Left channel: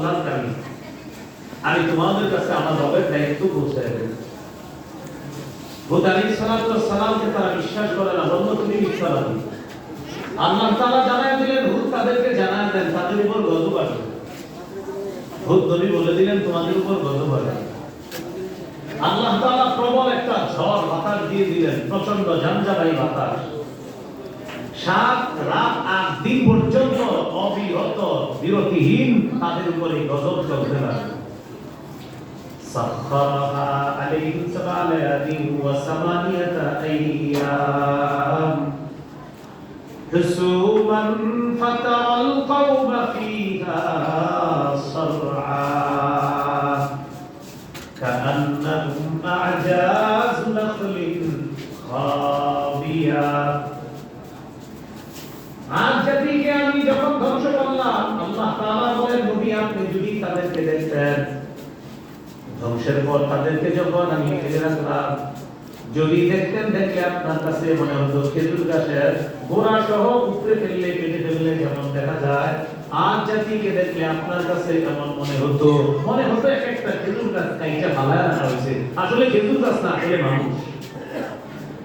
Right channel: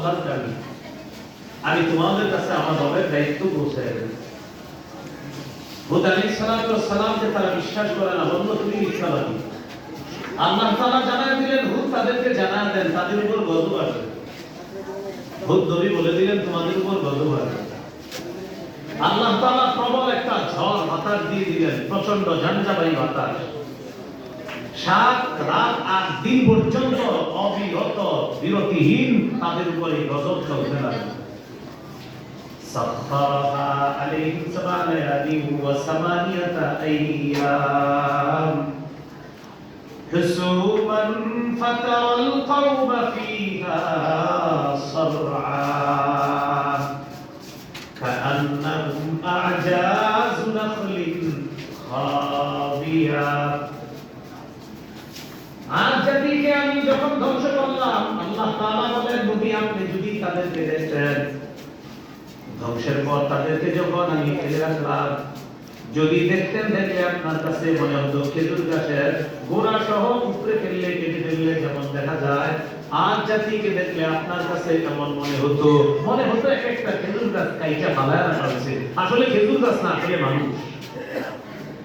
আল্লাহর কাছে আমি তোমাদের কাছে আমার রবের দায়িত্ব পৌঁছায় দেব। হুদ আলাইহিস সালামকে তারা বিশ্বাস করে না, বলল তুমি মিথ্যাবাদী। আল্লাহ তাআলা জানায় দিলেন হুদ তাদেরকে জানায় দেন তাদের উপর গজব আসবে। হুদ নবী বলে দিলেন তোমাদের উপর গজব আসবে। আল্লাহ তাআলা প্রবল একটা ঝড় বাতাস দিয়ে দিলেন, প্রচন্ড ঝঞ্ঝাবাহী বাতাস। 7 রাত 8 দিন পর্যন্ত অবিরত বিরতিহীন তাদের উপরে গজব চলতে লাগলো। সাখখারাহা আলাইহিম 7 লায়ালিন ওয়া 8 আইয়াম হুসুমান ফাতারাল কওমা ফিহা সরআ কাআন্নাহুম আ'জাজু নাখলিন খাবিয়া। আর জাতিকে আমি যখন ধ্বংস করলাম, আল্লাহ তাআলা বলেন নবী আপনি যদি তাদেরকে দেখতেন, ধ্বংসের পর তাদেরকে যখন আমি ফেলে রাখলাম, যদি দেখতেন দেখলে আপনার কাছে মনে হতো খেজুর গাছের গোড়া সহ উপরে ফেললে কেটে ফেললে যেমন দেখা যায়, আর জাতিকে দেখলে আপনার কাছে কেমন মনে হতো এক একটা খেজুর গাছ কাইটা ফালায় রাখা হয়েছে। আসলে খেজুর গাছ না, আসলে মানুষ,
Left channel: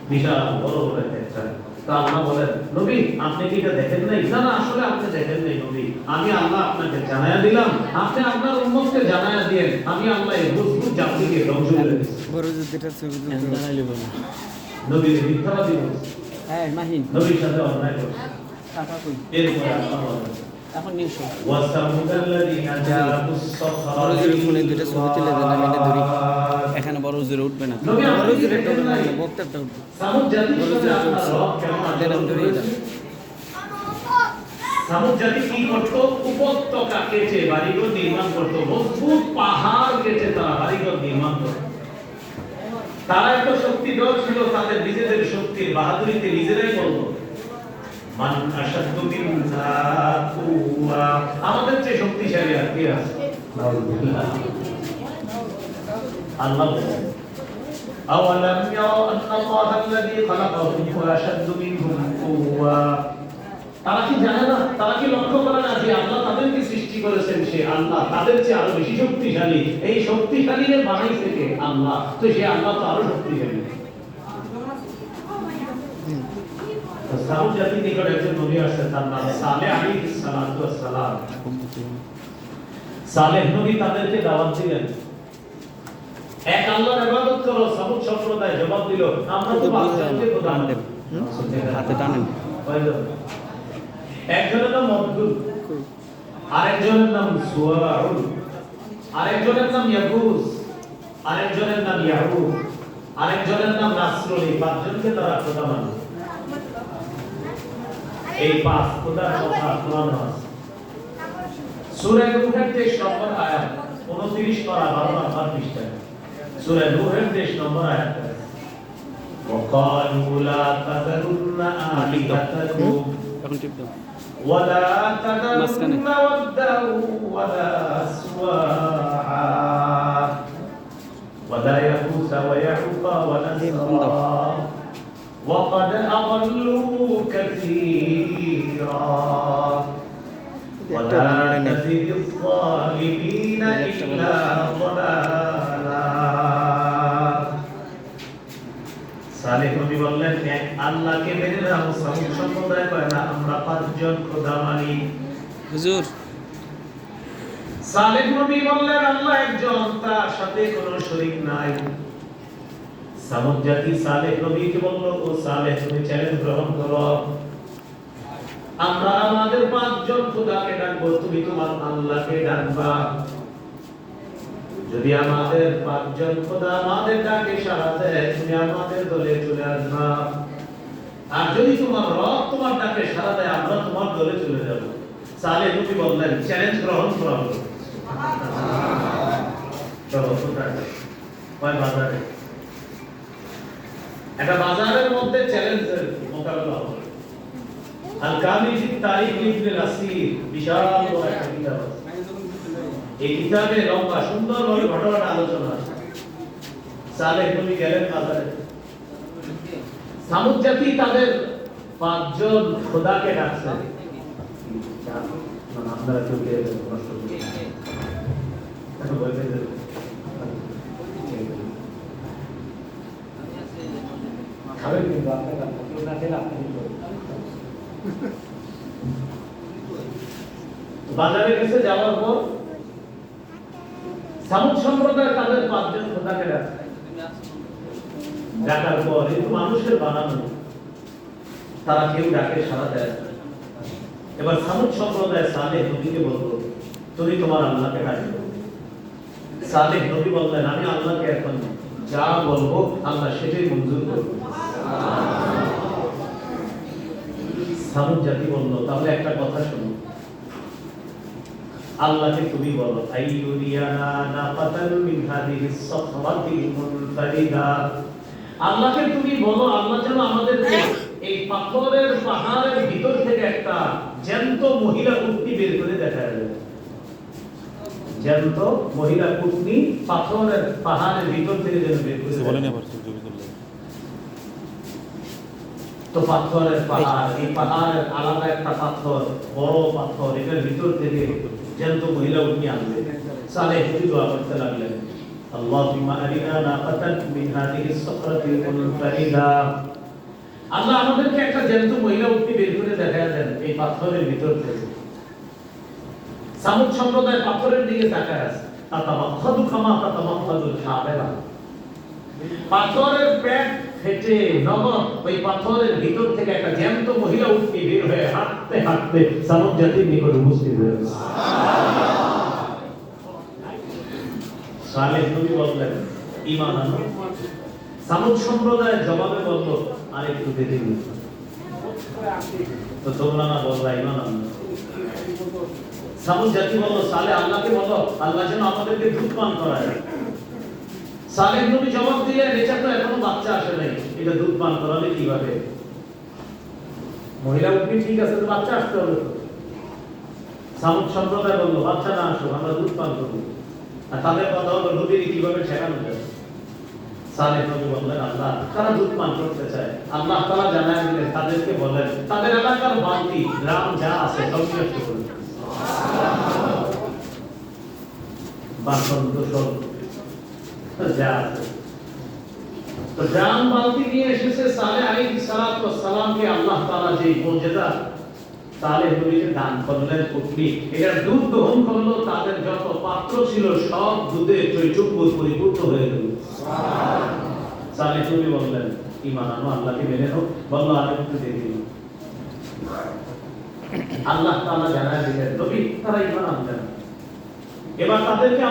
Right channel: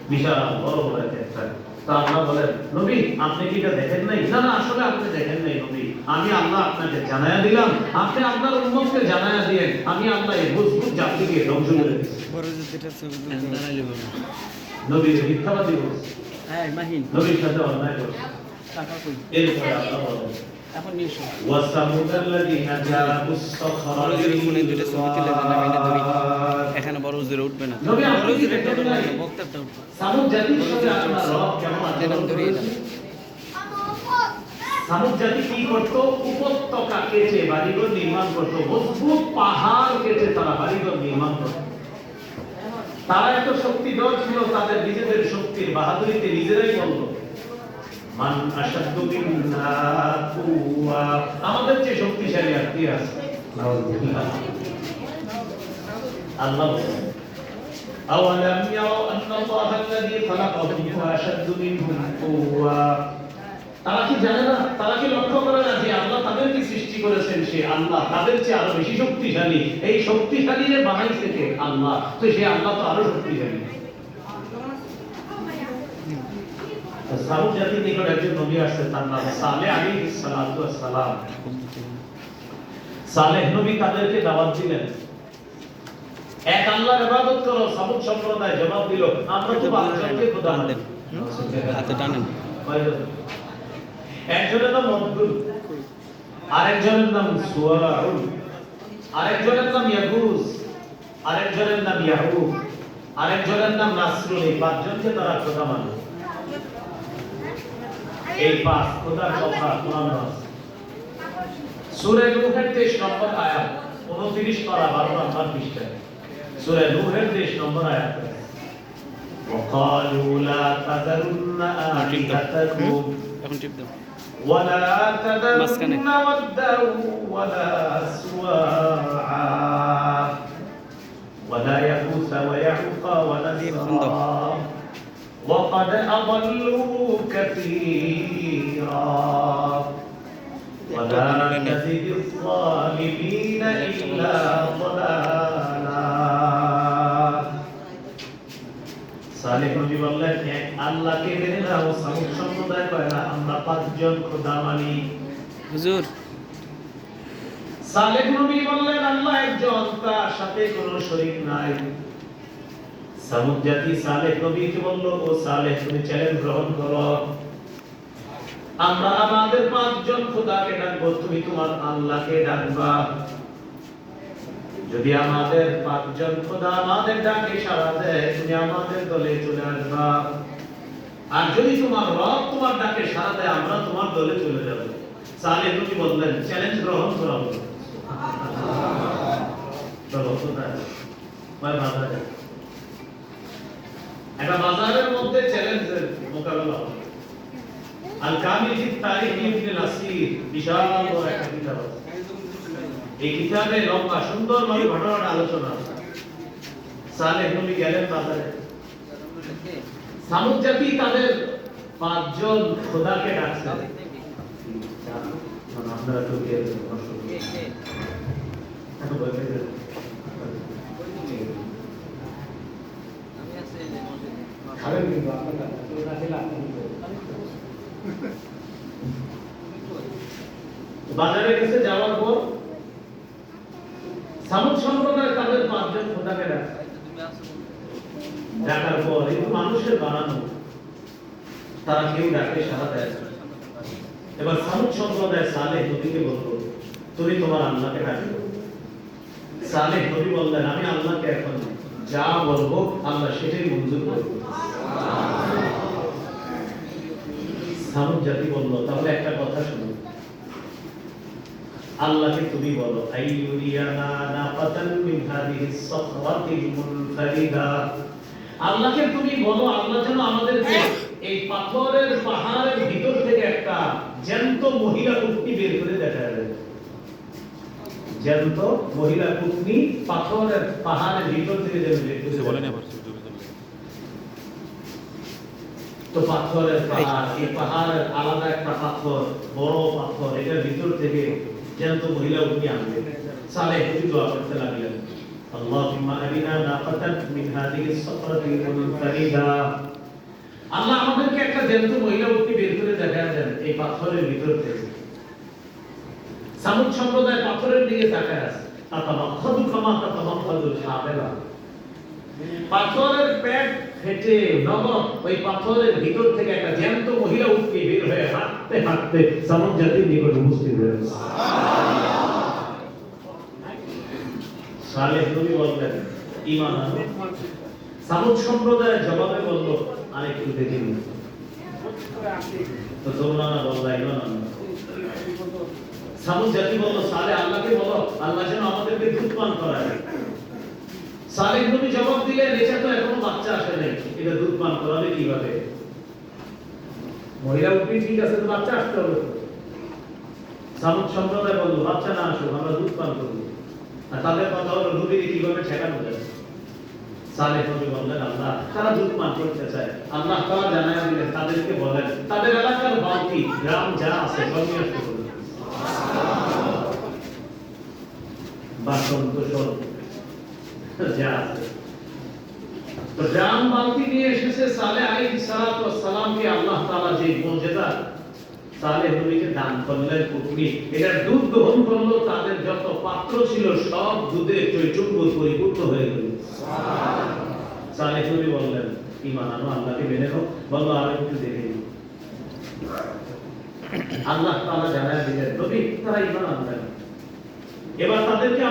বিশাল বড় বড় একটা। তা আল্লাহ বলেন নবী আপনি কি এটা দেখেন নাই? না না, আসলে আপনি দেখেন নাই নবী, আমি আল্লাহ আপনাকে জানায়া দিলাম, আপনি আপনার উম্মতকে জানায়া দিয়েন, আমি আল্লাহ এই মজবুত জাতিকে ধ্বংস করে দিয়েছি। বড় যুদ্ধটা ছবি দাঁড়াইলে বলুন নবী মিথ্যাবাদী বলছে, হ্যাঁ মাহিন নবীর সাথে অন্যায় করছে। টাকা কই এরপরে আল্লাহ বলেন এখন নিশো ওয়াসামুদাল্লাযীনা জাবুস সাখরা দুটো ছবি তুলে দেন, আমি এটা ধরি। এখানে বড় জোরে উঠবে না, নবী বড় আপনি জোরে দেখেন নাই বক্তারটা উঠবে। সামুদ জাতির সাথে আপনার রব কেমন আচরণ করেছে? সামুদ জাতি কি করতো? উপত্যকা কেটে বাড়িঘর নির্মাণ করতো, মজবুত পাহাড় কেটে তারা বাড়িঘর নির্মাণ করতো। তারা এত শক্তিধর ছিল, তাদের নিজেদের শক্তির বাহাদুরিতে নিজেরাই বলতো মান আশাদ্দু মিন্না কুওয়া, আমাদের চেয়ে শক্তিশালী আর কে আছে? আল্লাহ বলেন আওয়ালাম ইয়ারাউ আন্নাল্লাহাল্লাযী খালাকাহুম হুয়া আশাদ্দু মিনহুম কুওয়া। তারা কি জানে না, তারা কি লক্ষ্য করে না যে আল্লাহ তাদেরকে সৃষ্টি করেছেন, সে আল্লাহ তাদের চেয়ে আরো বেশি শক্তিশালী। এই শক্তিশালী এর বানাইছে কে? আল্লাহ। তো সে আল্লাহ তো আরো শক্তিশালী। সামুদ জাতির নিকট একজন নবী আসছেন, তার নাম সালেহ আলাইহিস সালাতু ওয়াস সালাম। সালেহ নবী তাদেরকে দাওয়াত দিলেন, এক আল্লাহর ইবাদত করো। সামুদ সম্প্রদায় জবাব দিল আমরা তো বাচ্চাকে খোদা মানি। হাতে টানেন। একজনের নাম মকদুদ, আরেকজনের নাম সুয়ারুল, আরেকজনের নাম ইয়াগুস, আরেকজনের নাম ইয়াহুদ, আরেকজনের নাম নাসরুল। এই পাঁচজনকে তারা খোদা মানে। এই পাঁচ খোদার কথা কোরআন আছে। সূরা নূহের 23 নম্বর আয়াত 29 পারা 12 নম্বর পৃষ্ঠায় সূরা নূহের 23 নম্বর আয়াত আছে وقالوا لا تذرن آلهتكم এখন টিপ দাও। ولا تذرن ودا ولا سواعا ولا يغوث ويعوق ونسرا وقد أضلوا كثيرا ولا تزد الظالمين إلا ضلالا। সালেহ নবী বললেন আল্লাহকে মেনে নাও, সামুদ সম্প্রদায় করে না আমরা পাঁচজন খোদা মানি। হুজুর সালেহ নবী বললেন আল্লাহ একজন, তার সাথে কোনো শরীক নাই। সামুদ জাতি সালেহ নবীকে বলল ও সালেহ তুমি চ্যালেঞ্জ গ্রহণ করো, আমরা আমাদের পাঁচজন খোদাকে ডাকবো, তুমি তোমার আল্লাহকে ডাকবা। যদি আমাদের পাঁচজন খোদা আমাদের ডাকে সাড়া দেয় তুমি আমাদের দলে চলে আসবা, আর যদি তোমার রব তোমার ডাকে সাড়া দেয় আমরা তোমার দলে চলে যাব। সালেহ নবী বললেন চ্যালেঞ্জ গ্রহণ করা হলো। চলো কয় বাজারে একটা বাজারের মধ্যে চ্যালেঞ্জের মোকাবেলা হবে। আল কামিল ফি তারিখ ইবনে নাসির বিশাল বড় একটা কিতাব আছে। এই কিতাবে লম্বা সুন্দরভাবে ঘটনাটা আলোচনা আছে। সালেহ নবী গেলেন বাজারে, সামুদ জাতি তাদের পাঁচজন খোদাকে ডাকছে। আমরা তো খাবেন কিন্তু আপনার কেউ না খেলে আপনি বাজারে গেছে যাওয়ার পর সামুদ সম্প্রদায় তাদের 5 জন খোদাকে ডাকে। ডাকার পর এই মানুষের বানানো, তারা কেউ ডাকে সাড়া দেয় না। এবার সামুদ সম্প্রদায় সালেহ নবীকে বলল, তুমি তোমার আল্লাহকে ডাকো। সালেহ নবী বললেন, আমি আল্লাহকে এখন যা বলবো আল্লাহ সেটাই মঞ্জুর করবে। সামুদ জাতি বলল, তাহলে একটা কথা শুনো, আল্লাহকে তুমি বলো, আইয়ুরিয়ানা নাকাতান মিন হাদিহিস সাখরাতিল মুনফারিদা, আল্লাহকে তুমি বলো আল্লাহ যেন আমাদেরকে এই পাথরের পাহাড়ের ভিতর থেকে একটা জ্যান্ত মহিলা উটনি বের করে দেখায় দেয়। জ্যান্ত মহিলা উটনি পাথরের পাহাড়ের ভিতর থেকে যেন বের করে দেয়। তো পাথরের পাহাড়, এই পাহাড়ের আলাদা একটা পাথর, বড় পাথর, এটার ভিতর থেকে জ্যান্ত মহিলা উটনি আনবে। সালেহ নবী দোয়া করতে লাগলেন, আল্লাহুম্মা আরিনা নাকাতান মিন হাদিহিস সাখরাতিল মুনফারিদা, আল্লাহ আমাদেরকে একটা জ্যান্ত মহিলা উটনি বের করে দেখায় দেন এই পাথরের ভিতর থেকে। সামুদ সম্প্রদায় পাথরের দিকে তাকায় আছে, তাতামাখাদু কামা তাতামাখাদুল শাবেরা, পাথরের পেট ফেটে নগদ ওই পাথরের ভিতর থেকে একটা জ্যান্ত মহিলা উটনি বের হয়ে হাঁটতে হাঁটতে সামুদ জাতির নিকট উপস্থিত হয়েছে। সালেহ নবী বললেন, ঈমান আনো। সামুদ সম্প্রদায়ের জবাবে বলল, আরেকটু দেখে নিন। তো তোমরা না বললা ঈমান আনো। সামুদ জাতি বলল, সালেহ আল্লাহকে বলো আল্লাহ যেন আমাদেরকে দুধ পান করায়। সালেহ নবী জবাব দিলেন, এটা তো এখনো বাচ্চা আসে নাই, এটা দুধ পান করাবে কিভাবে? মহিলা উটনি ঠিক আছে, তো বাচ্চা আসতে হবে। সামুদ সম্প্রদায় বলল, বাচ্চা না আসুক, আমরা দুধ পান করব। আর তাদের কথা হলো নবীর কিভাবে ঠেকানো যায়। সালেহ নবী বললেন, আল্লাহ তারা দুধ পান করতে চায়, আল্লাহ তাআলা জানায় দিলেন তাদেরকে বলেন তাদের এলাকার বালতি গ্রাম যা আছে সব নিয়ে আসতে বলেন। বাসন কোসল যা আছে তো গ্রাম বালতি নিয়ে এসেছে। সালেহ আলাইহিস সালাতু ওয়াস সালামকে আল্লাহ তাআলা যে মুজিজা সালেহ নবীকে দান করলেন উটনি, এটার দুধ গ্রহণ করলো, তাদের যত পাত্র ছিল সব দুধে চৈচুম্বুর পরিপূর্ণ হয়ে গেল। সালেহ নবী বললেন, ঈমান আনো, আল্লাহকে মেনে নাও। বলল, আমি একটু দেখে নিই। আল্লাহ তাআলা জানায় দিলেন, নবী তারা ঈমান আনলেন। এবার তাদেরকে